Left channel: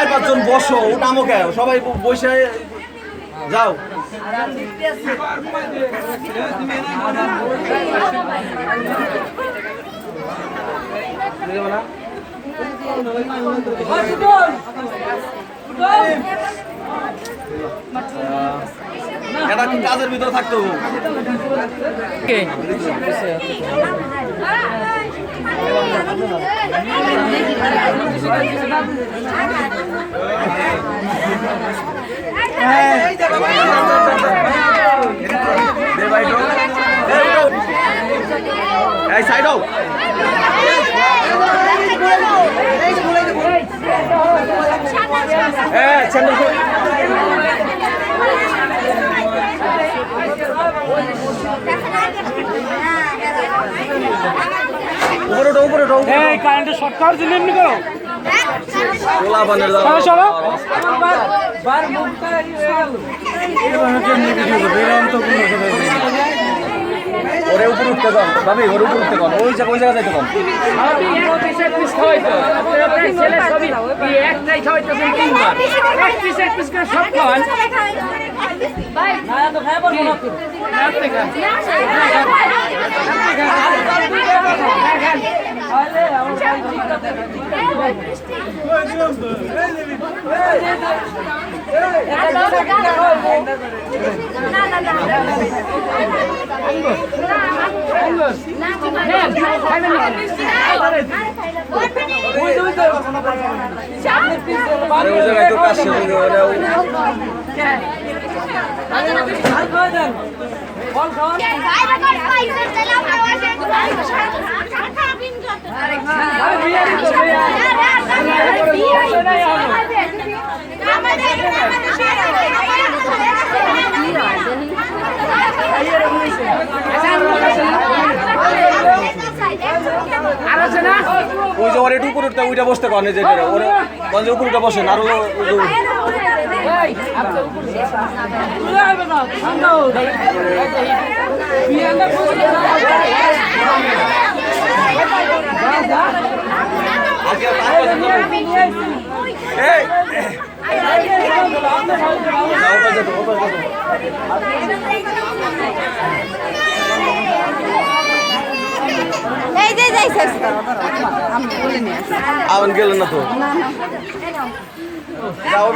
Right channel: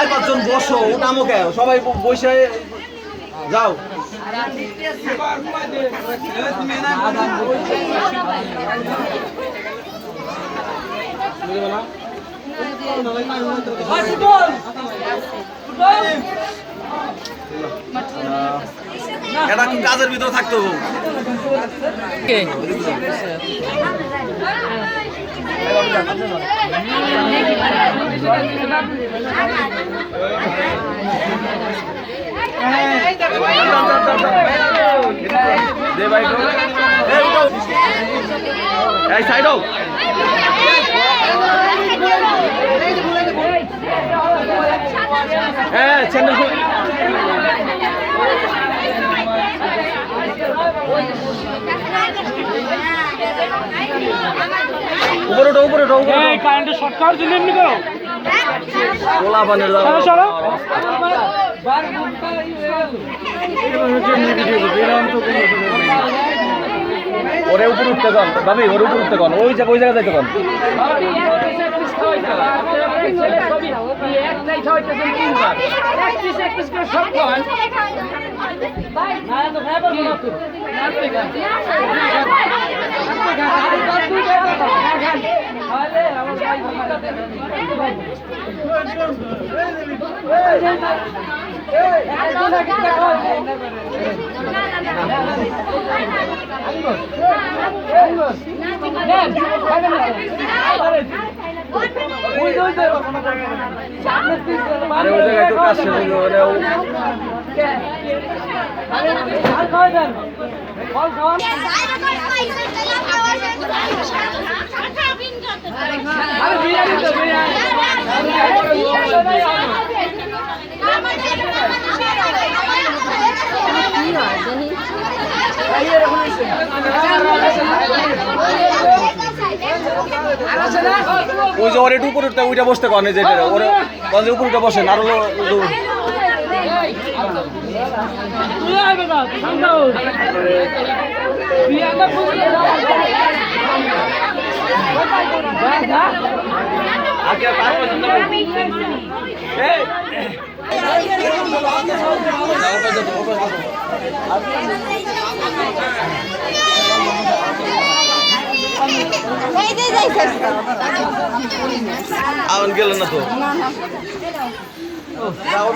4-5 জন বসো, ওটা আমাকে সবাই বসে যাও। এটা কি কাজের ভিতরে থাকতে হবে? এই সাইড হও। কারেন্টের শর্ট খাওয়ার জন্য এমনি করো ওরে উপরে উঠতে কম ভাবি, ওরে উপরে উঠতে কম, ওই জায়গা যেতে কম। ওই যে ওর একটু উপরে উঠতে ওইটা বসতে পারেন, যে ওরা উপরে বসেন আরো আউন গেল না তো।